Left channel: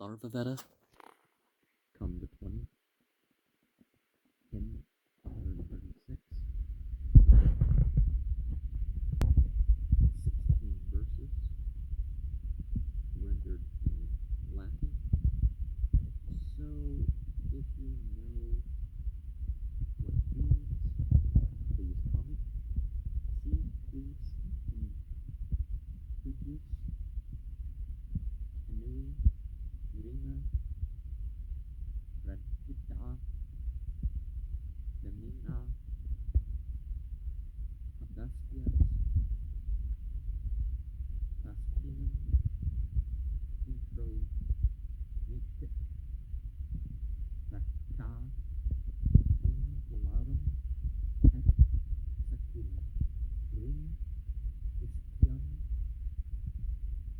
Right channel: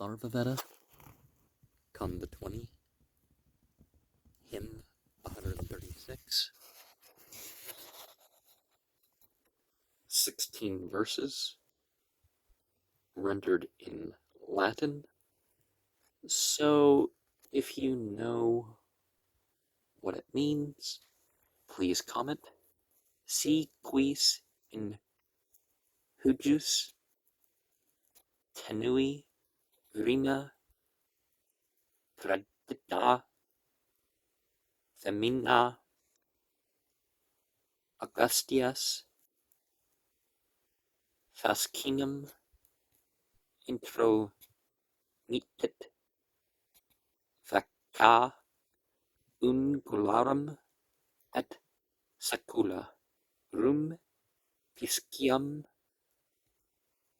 Atharvaveda, Kanda 20, Hymn 136, 16 verses, rendered in Latin. So, if you know what it means, please comment. Si quis in hujus tenui rima tradita femina Augustias fascinum intro mitit facta ungularum et sacula rum piscium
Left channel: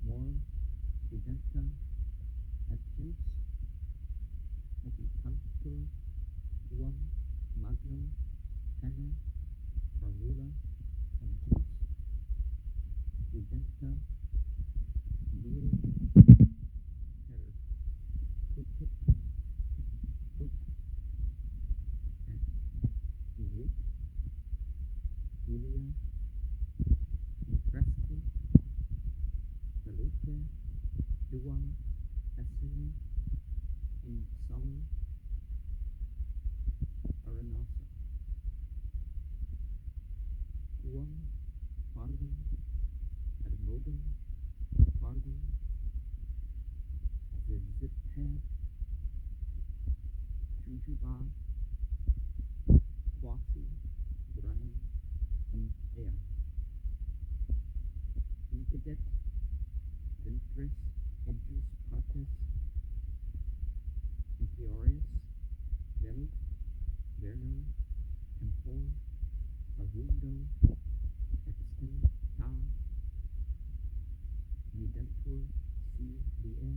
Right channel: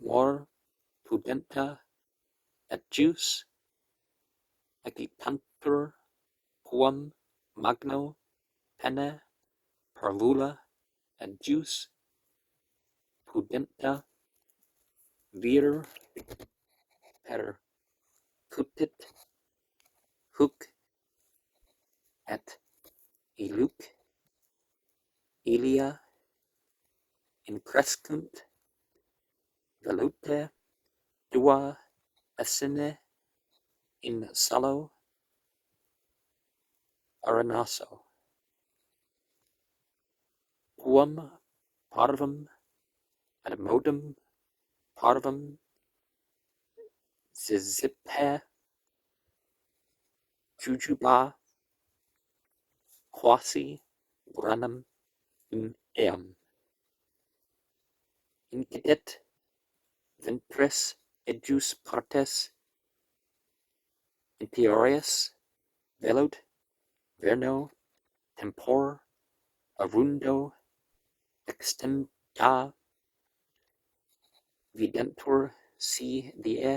mor pudenta et jus agitantur quam magno pene parvula et jus pudenta vir percutit huc et iluc ilia increscunt velute dua essene in salo arenaso quam parvum ad modum parvum zizipe jujuba quasi granum in eam incidet ventris ejus partes imperius velut verno tempor arundo extempta videntur si die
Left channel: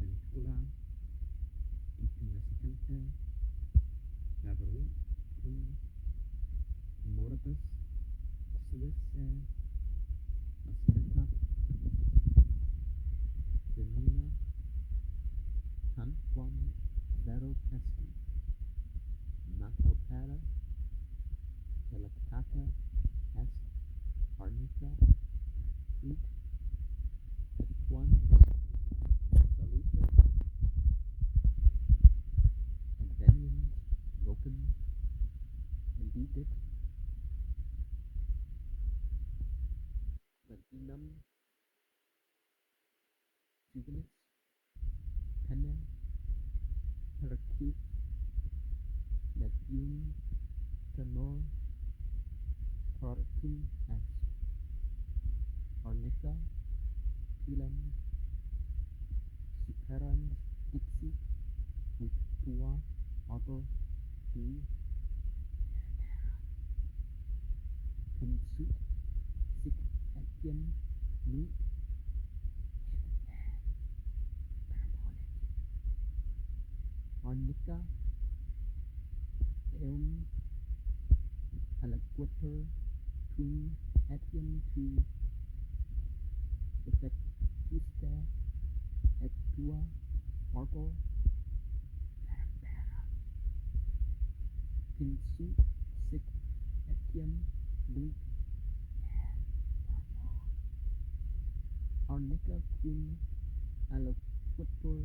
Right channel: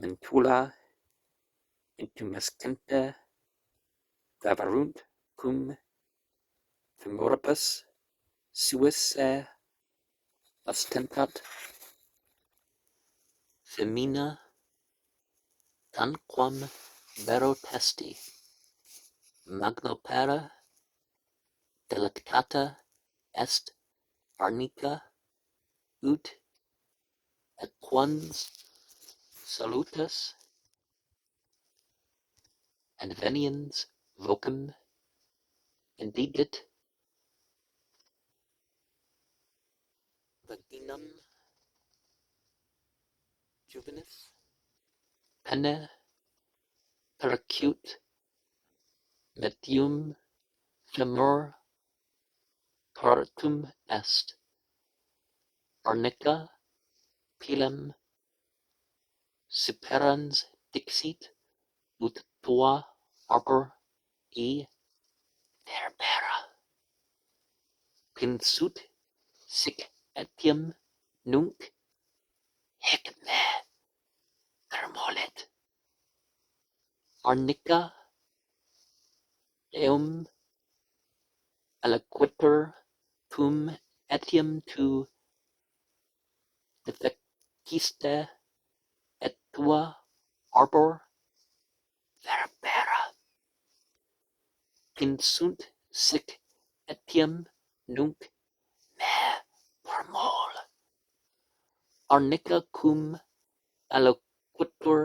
mentula intumescente vaverunt cum femoribus suis ostentat femina tanquam vero testi magnopera delectata est arnica ut et quans salutas adveniens vocem indigit vaginam juvenis pene percute medium femur partum est arnica pilem superans dixit ut tua arbor e verbera pinsut sic etiam nunc hic me thermolet arnica eum aliquiter cum etiam tu defectiste et tua arbor verbera pinsunt sic etiam nunc me formol arnica cum aliquiter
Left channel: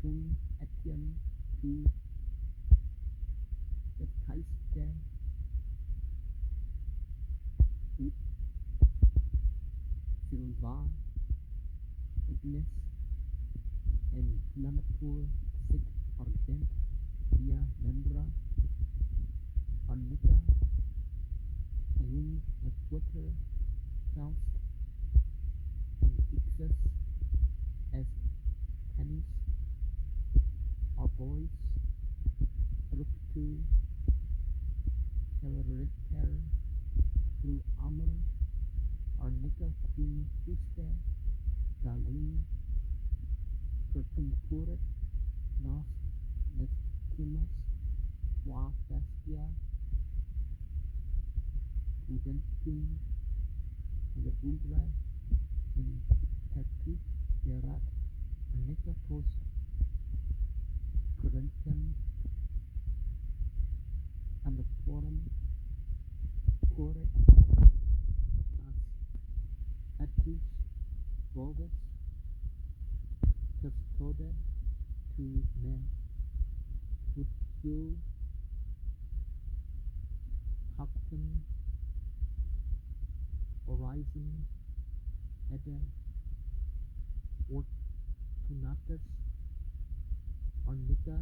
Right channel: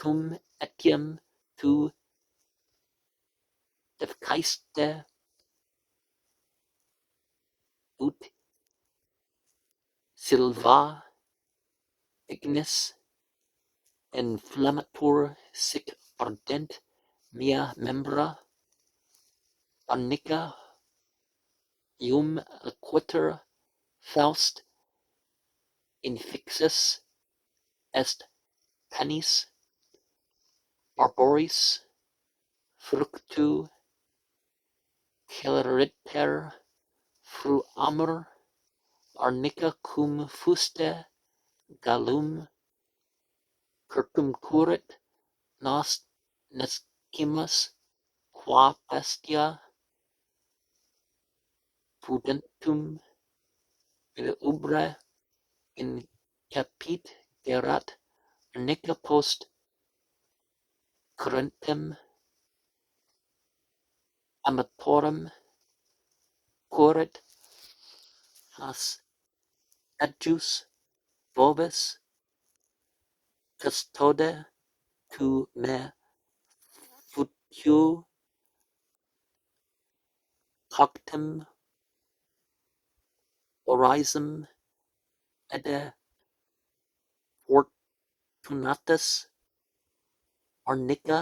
cum etiam tu defectiste ut silva ignis inflammatur sic ardent mea membra arnica ium aliquiter faust infixus est canis arboris fructu celeriter fruamur arnica cum fuste gallum circumcurrit nos nescimus qua bestia pudentum in ubre incapit gerat Arnica post currentem amatorum curret has adjus bovis custode tu me futiu coctem orisum ede fortunatus arnica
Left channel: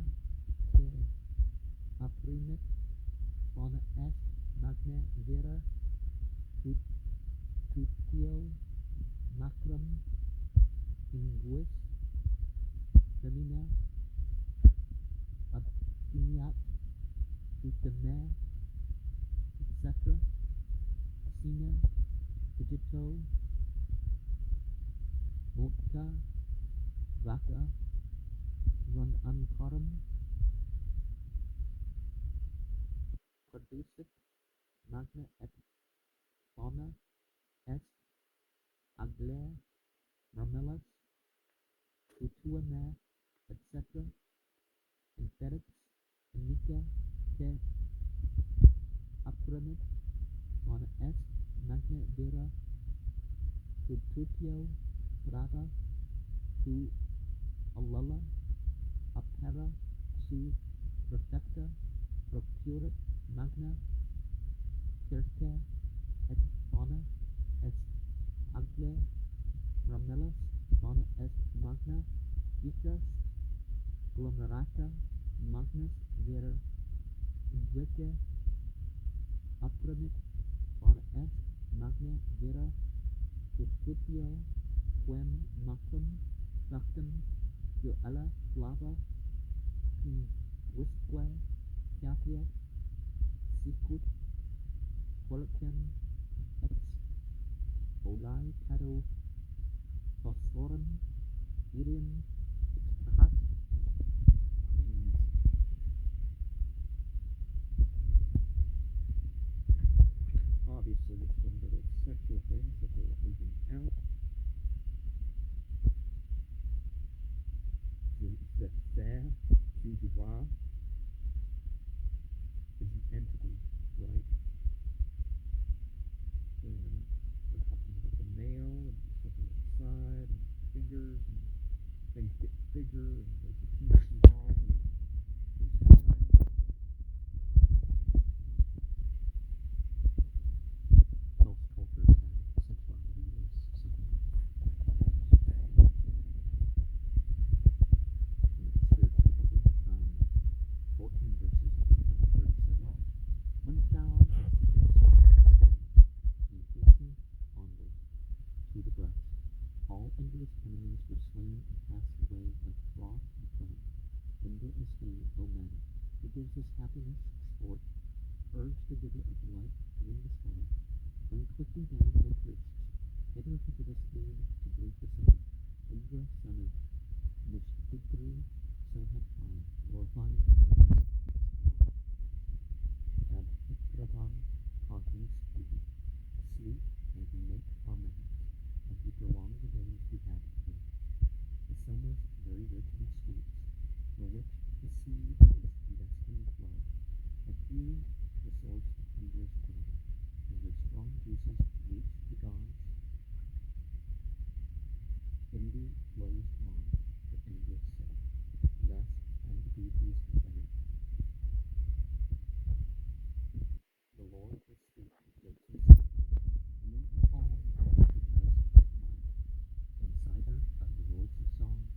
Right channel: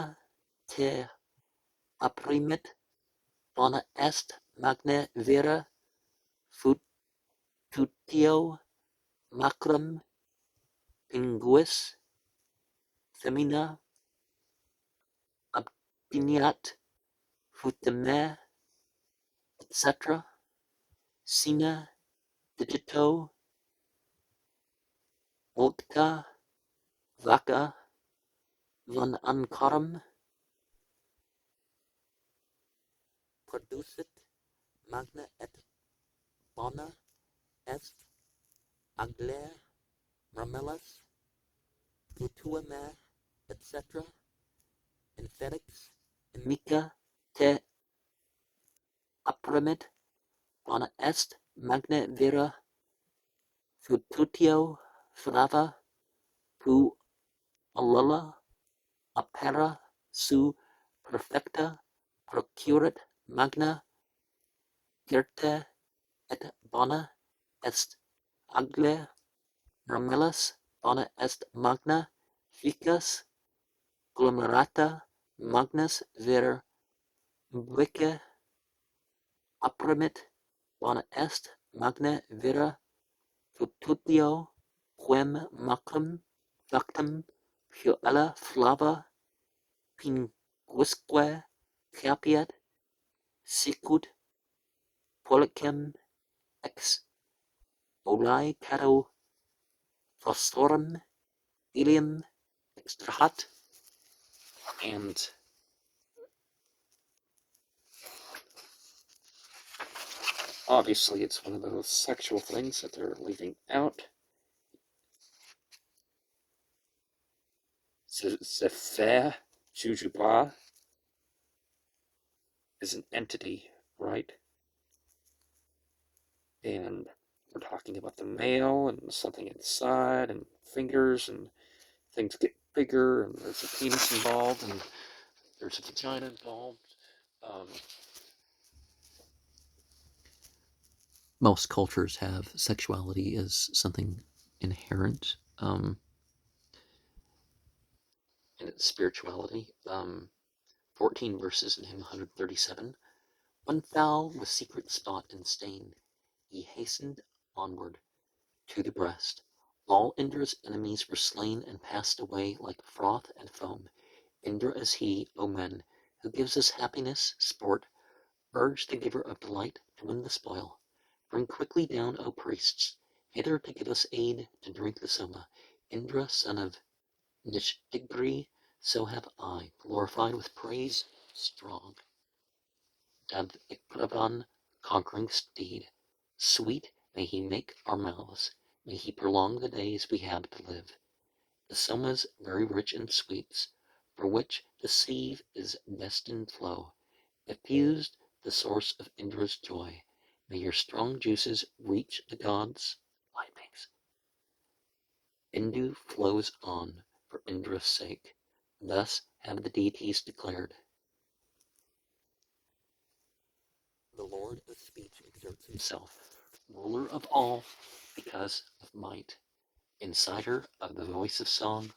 te apprimit bona est magna vera fututio macrum pinguis femina obtiniat futime etc. Sina digito multa vaca von ancarum producit magna et bona est agler ramelas futuame etc. in felix amica te apprimit bona est magna vera fututio flava pu alula apera su perfecta procurat magna cirte et bona est agle ramelas bona est magna ficus glomerata magnus ver vice apprimit bona est magna vera fututio quem macrum factum puella flava pinguisque capiat sicut policem ex olae cato phosphorum ilium extrahat. And obviously it's one of those sexual things that they're leaving out. Zephyr Jujubah is an entity, right? And we're talking about the male and something inside and fingers and things get bigger and there's a penis involved and there's a vagina involved. Most cultures have sexuality as something inherent in its spirituality. 14 verses in hymn 137. When foul with secret spot and stain, he hastened onward to the breast. All Indra's enemies were slain and passed away like froth and foam. Indra is he, O men, who gives us happiness, sport. Urge the giver of delight to win the spoil. Bring quickly down, O priests, hither to give us aid to drink the soma. Indra, son of Nishdigri, so have I, glorified with praise strong. And Ikravan, conquering steed, sweet may he make our mouths, may he prolong the days we have to live. The soma's very rich in sweets, for which the sea is destined flow, effused the source of Indra's joy. May your strong juices reach the gods' pipings. Indu flows on for Indra's sake. Thus have the deities declared. The Lord of speech exerts himself, ruler of all because of might, insider of the voice of song.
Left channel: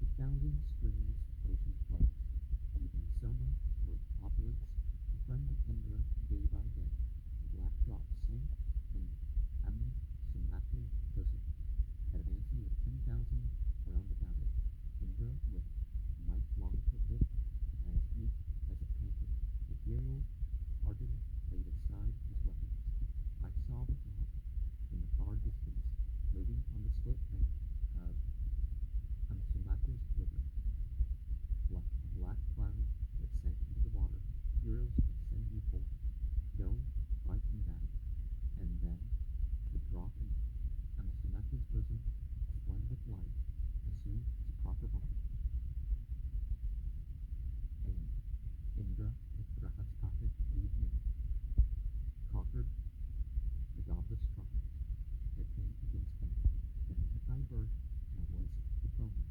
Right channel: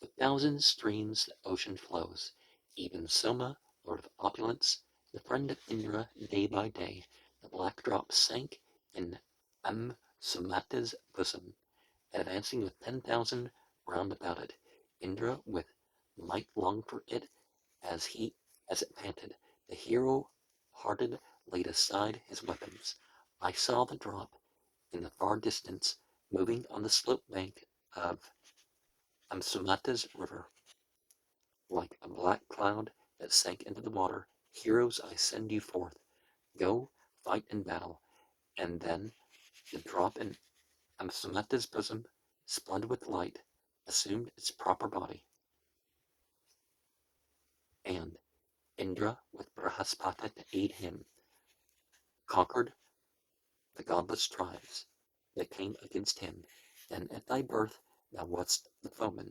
With thousand streams the ocean flows. Even Soma, lord of opulence, the friend of Indra, day by day, the black drop sank in Samhitas bosom, advancing with 10,000 round about it. Indra with might longed for it as it panted. The hero-hearted laid aside his weapons. I saw the drop in the far distance, moving on the slope bank of Samhitas river, like a black cloud that sank into the water. Heroes, I send you forth. Go, fight in battle. And then the drop in Samhitas bosom, splendid with light, assumed its proper body, and Indra, with Brihaspati to aid him, conquered the godless tribes that came against him. Then at thy birth thou wast the foeman,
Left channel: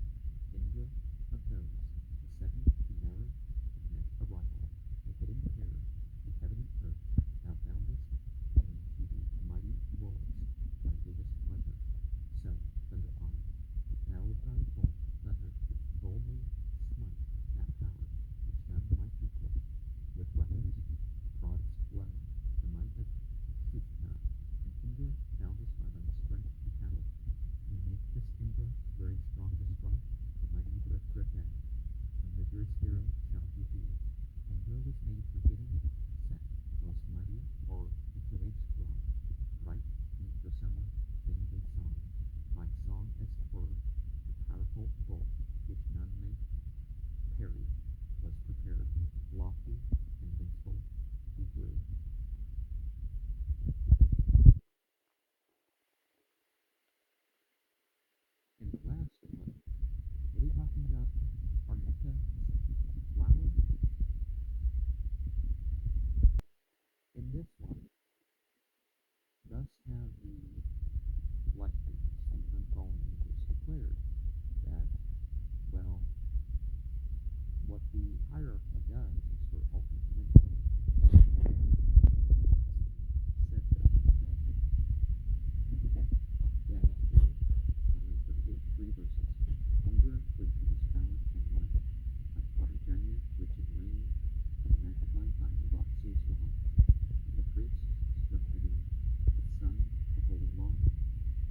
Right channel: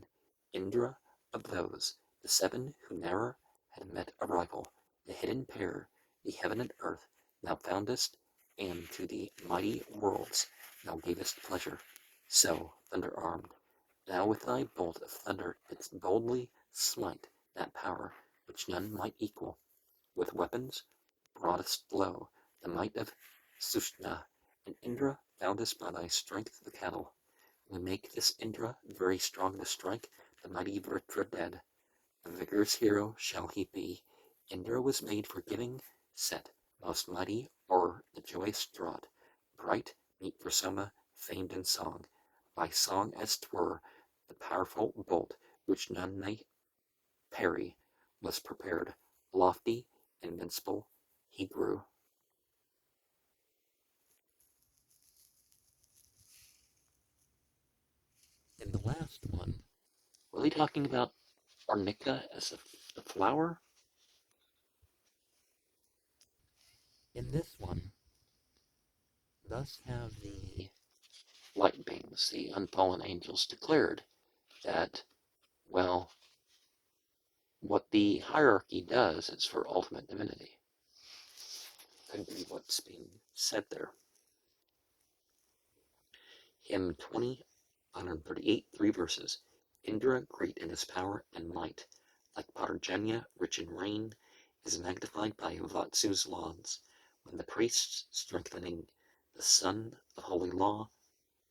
Indra of those, the seven who ne'er had met a rival, the hidden pair, the heaven and earth thou foundest, and to the mighty worlds thou gavest pleasure. So, thunder-armed, thou with thy bolt of thunder didst boldly smite that power which none might equal. With weapons broughtest low the might of Sushna, and Indra boundest by thy strength the cattle. We make this Indra very strong to strike the mighty Vritra dead. A vigorous hero shall he be. Indra was made for giving, set most mighty o'er the joyous draught, bright meet for Soma, famed in song, by song as 'twere the powerful bolt which none may parry was prepared, lofty, invincible, he grew. In the last one, were they talking about Arnica as the flower? In this one, thus have the light beings, the unfallen angels, declared that, well, what the hierarchy does is for ultimate divinity. Could be what's being said there. Hymn 20, 138, 3 verses. Indra, great in his power and might, like Parjanya, rich in rain, is magnified by Vatsu's lawns. When the priests, strengthening the sun of holy law,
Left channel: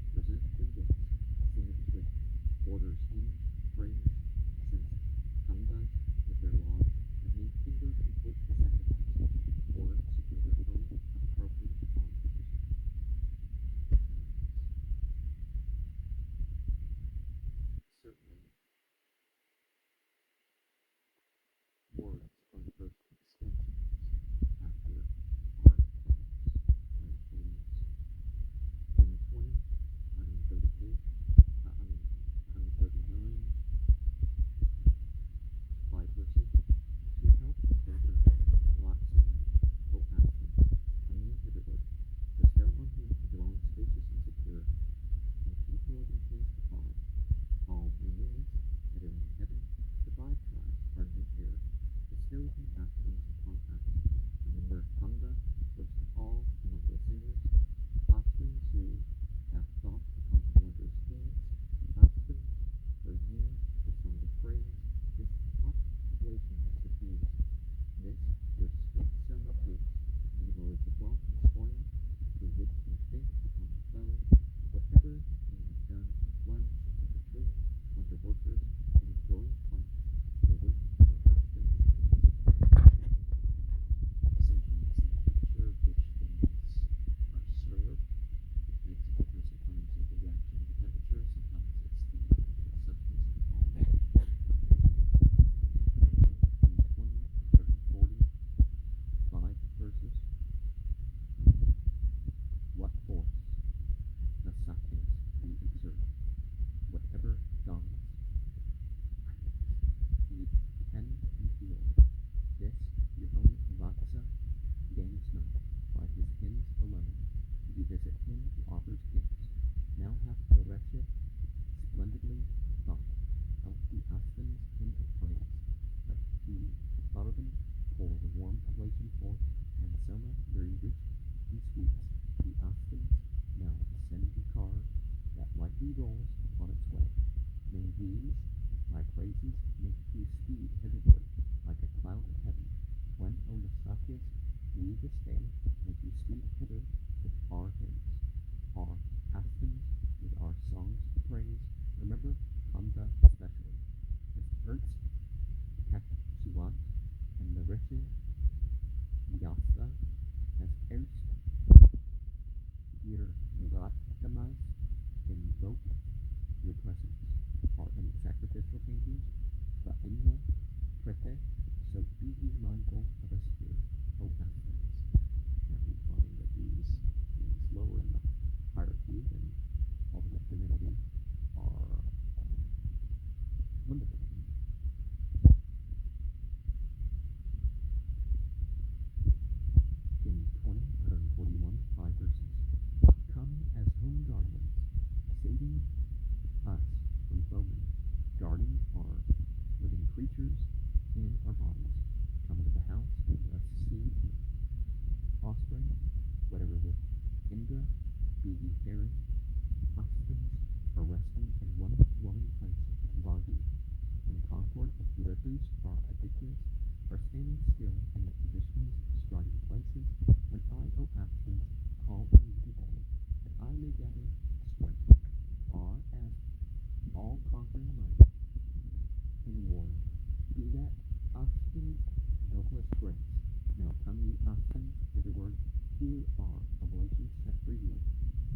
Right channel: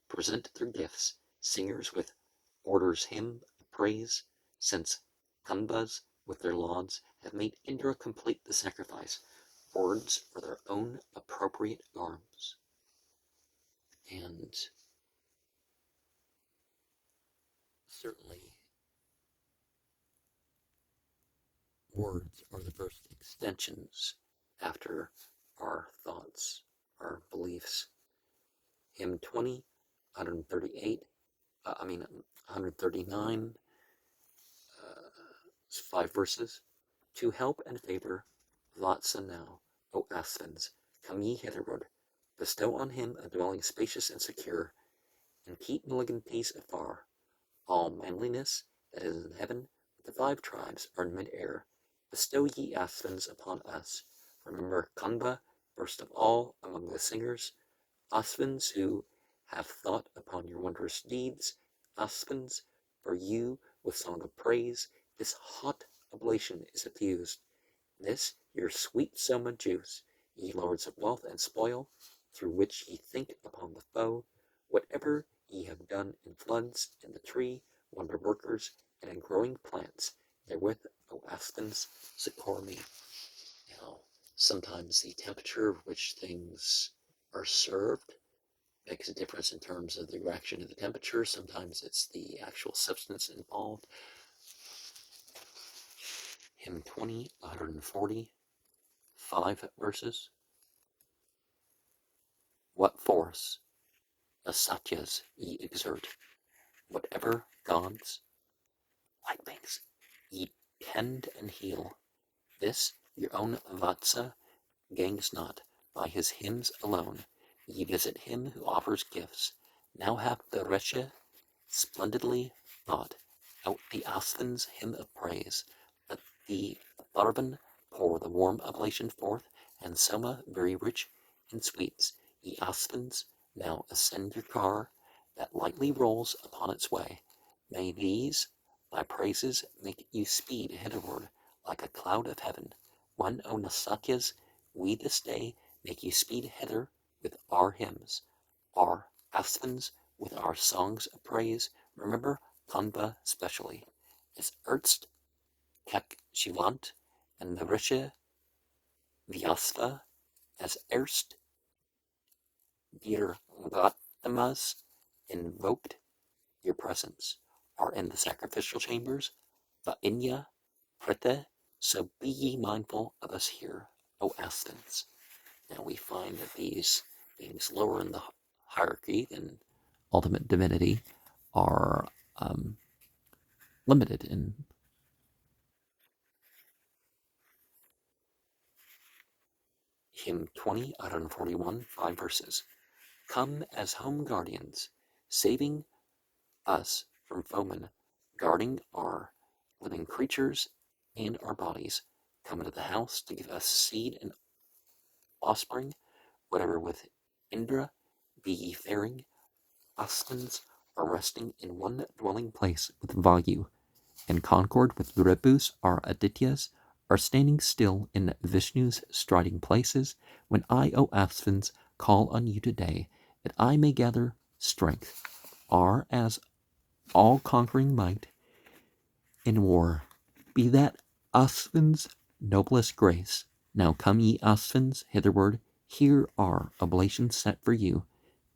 present their gifts, singers with orders hymn praise, since Kandas with their lauds have made Indra complete the sacrifice, words for their own appropriate arms. And certainly words are the first extensions after our thoughts, our beliefs. Hymn 20, 138, 139, 5 verses. To help and favor Vatsa now, O Asvins, come ye hitherward, bestow on him a dwelling spacious and secure, and keep malignancies afar. All manliness that is in heaven, the 5 tribes are in mid-air. Bestow ye Asvins upon us. Remember Kanda, first of all among the singers, Asvins who have thought upon your wondrous deeds, Asvins, for you with song of praise, this hot oblation is effused. This your sweet soma juice, ye lords of wealth and spoil, through which ye think upon the foe, whatever ye have done in floods, in the tree, wonder workers, and in growing plants, therewith, O Asvins, succor me. Now, sometimes the temperature of which things are served makes a difference in terms of the reaction to the temperature. Sometimes it's the actual substance involved. Hymn 20, 140, 5 verses. What force the satyas ye exert, whatever gods, light beings, ye tend and heal, this your own Vatsa gangs not by his hymns alone. Ye visit him who offers gifts. Now hath the Resha splendidly thought out the Asvin's hymn of praise. Let the Atharvan pour the warm oblation forth, and Soma very rich in sweets. Ye Asvins, now ascend your car that lightly rolls upon its way. May these, my praises, make you speed hitherward like a cloud of heaven. When, O Nasatyas, we this day make you speed hither with our hymns, our Asvins with our songs of praise. Remember Kanda specially, as erst Kek Shivant and the Risha Vyasva, as erst dear Gatamas invoked your presence, are in the sacrificial chambers, Vainya Prete, so be ye mindful of us here, O Asvins. Now we find that these beings lower in the hierarchy than ultimate divinity are limited in hymn 20 out of 41, 5 verses. Come as home guardians, saving us from foemen, guarding our living creatures and our bodies. Come into the house to give us seed and offspring, whatever with Indra be ye faring. Asthans are resting in one dwelling place with Vayu, and concord with Ribus our Adityas are standing still in Vishnu's striding places, when I, O Asthans, call on you today, that I may gather strength, are as all-conquering might in war. Be that Asthans' noblest grace. Now come ye Asthans hitherward, here are oblations set for you.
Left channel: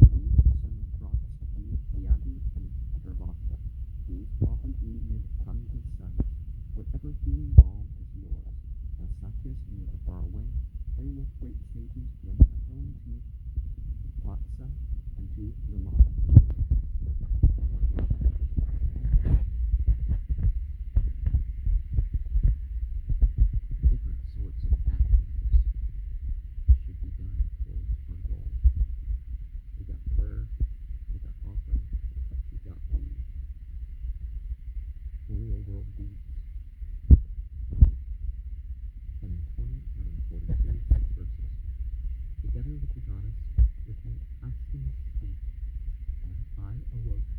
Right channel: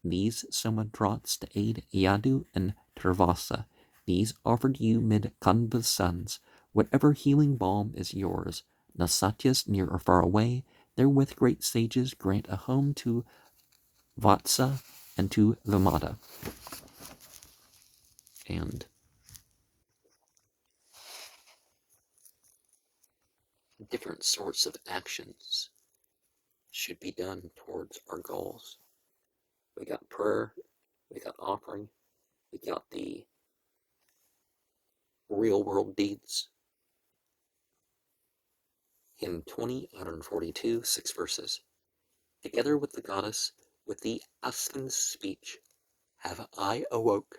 These Soma draughts to aid Yadu and Turvasa. These offered you mid Kanda's sons. Whatever healing balm is yours, Nasatyas near or far away, therewith great sages grant a home to Vatsa and to Vimata. And different sorts of actions should be done towards our goals. We got prayer, we got offering, we got the real world deeds. Hymn 20 out of 42, 6 verses. Together with the goddess, with the Asthans' speech, have I awoke.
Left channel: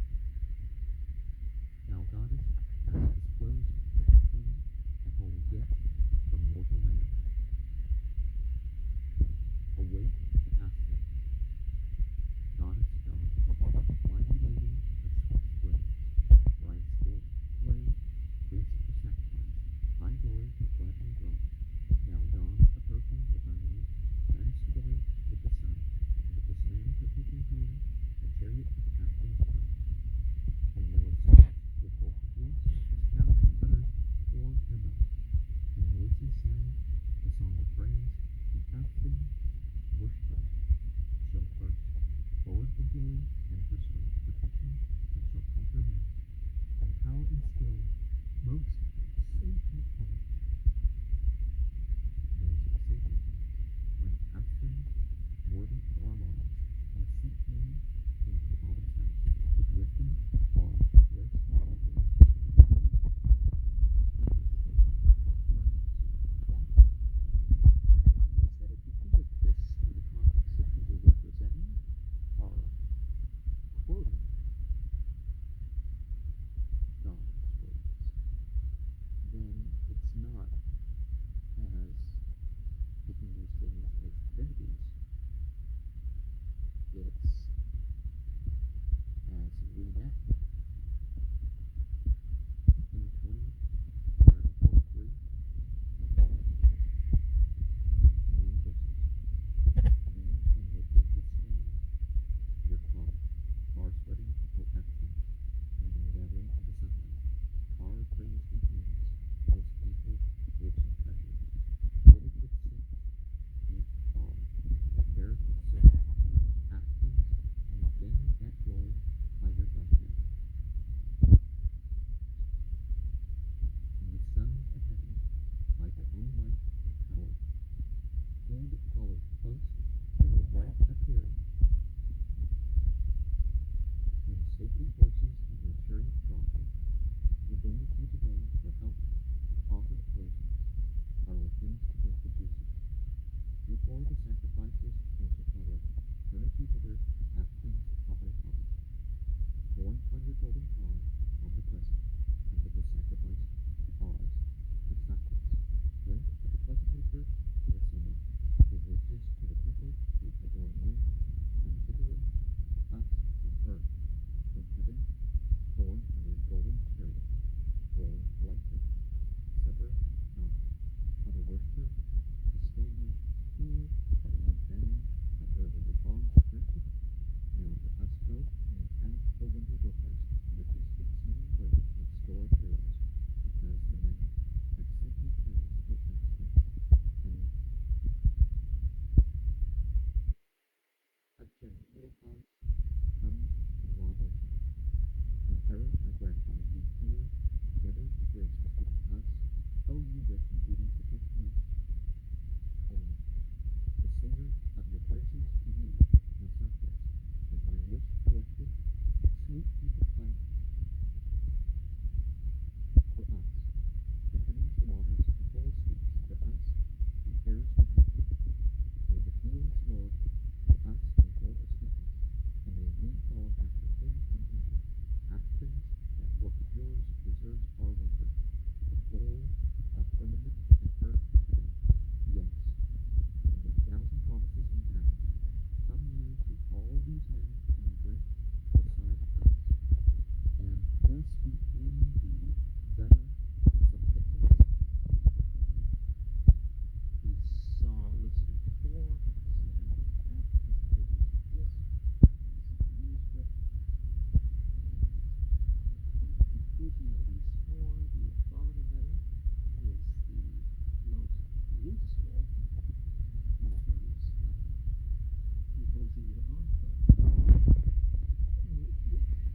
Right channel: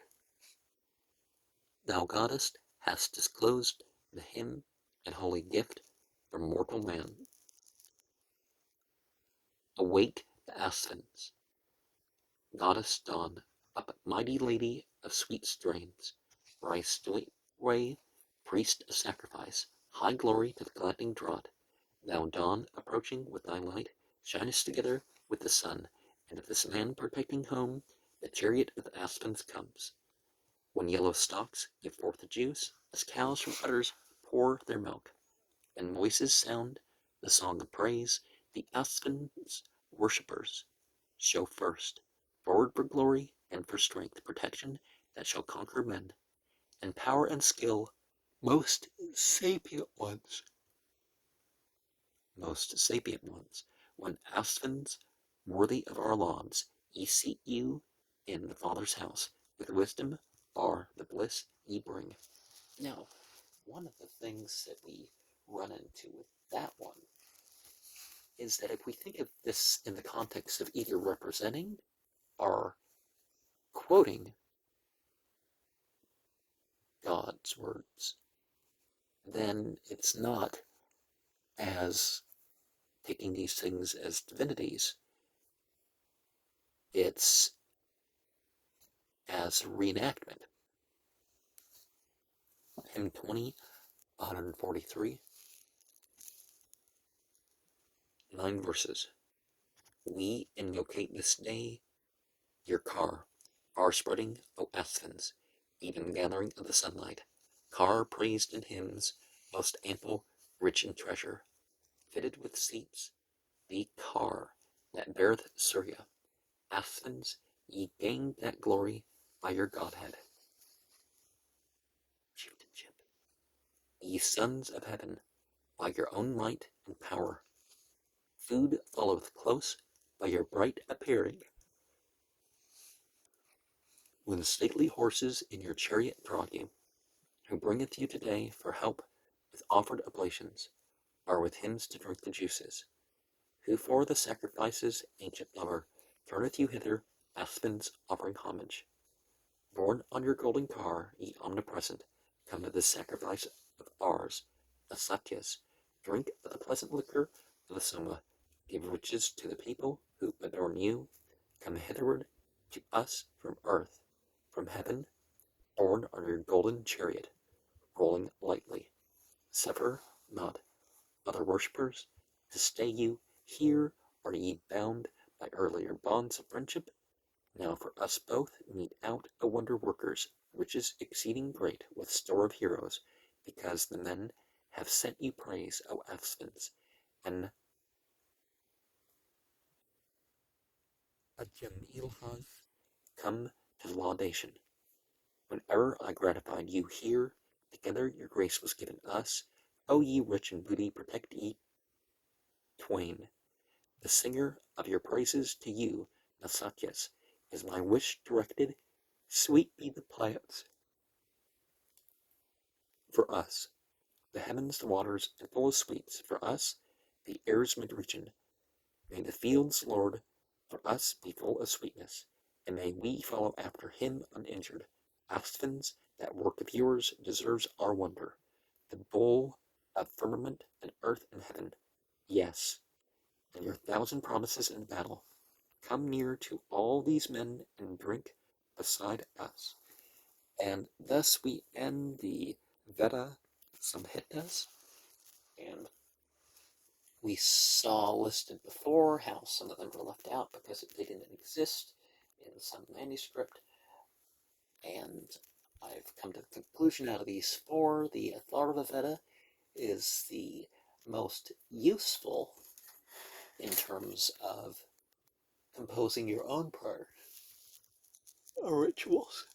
Thou goddess hast disclosed the hymn and holy gift from mortal man. Awake the Asthans, goddess dawn, up mighty lady of sweet strains, rise straightway, priest of sacrifice, high glory to the gladdening draught. Thou dawn approaching with thy light, shinest together with the sun, and of this man protecting home, the chariot of Asthans comes. When yellow stalks give forth the juice, as cows from udders pour their milk, and voices sound the song of praise, the Asthans worshippers show first, forward for glory and for strength, protection that shall conquer men, and power and skill, most sapient ones, when Asthans, worthy of our lauds, ye seat you in the Father's house, with wisdom are the bliss ye bring. Now, one of the things that we run into with that one is that if we think of this in the context of either representing or quoting God's words, then it's not as taking these things as divinities. It's as reenactment. Hymn 20, 143, 9 verses. We invocate this day your car, our spreading, O Asthans, even gathering of the sunlight, car praised in hymns, most ample, rich in treasure, fitted with seats, the car that beareth Surya. Asthans, ye gained that glory by your Godhead. Chieftainship. Ye sons of heaven, by your own might and power. Food followeth close by your bright appearing. When stately horses in your chariot draw you, who bringeth you today for help with offered oblations, are with hymns to drink the juices, who for the sacrifices ancient lover turneth you hither, Asthans offering homage. Borne on your golden car, ye omnipresent, come to this sacrifice of ours, the Satyas, drink of the pleasant liquor of the Soma, give riches to the people who adorn you, come hitherward to us from earth, from heaven, borne on your golden chariot, rolling lightly. Suffer not other worshippers to stay you. Here are ye bound by earlier bonds of friendship. Now for us both mete out a wonder workers, riches exceeding great with store of heroes, because the men have sent you praise, O Asthans, and a Jamil has come to laudation. Whenever I gratified you here, to together your grace was given us. O ye rich in booty, protect ye twain. The singer of your praises to you, Nasatyas, is my wish directed. Sweet be the plants for us, the heavens, the waters, and full of sweets for us, the air's midregion. May the fields, Lord, for us be full of sweetness, and may we follow after him uninjured. Asphens, that work of yours deserves our wonder. The bowl of firmament and earth and heaven, yes, and your thousand promises in battle. Come near to all these men and drink beside us. And thus we end the Veda Samhitas, and we saw listed before how some of them were left out because they didn't exist in some manuscript, and I've come to the conclusion out of these four, the Atharvaveda is the most useful in terms of composing your own prayer rituals.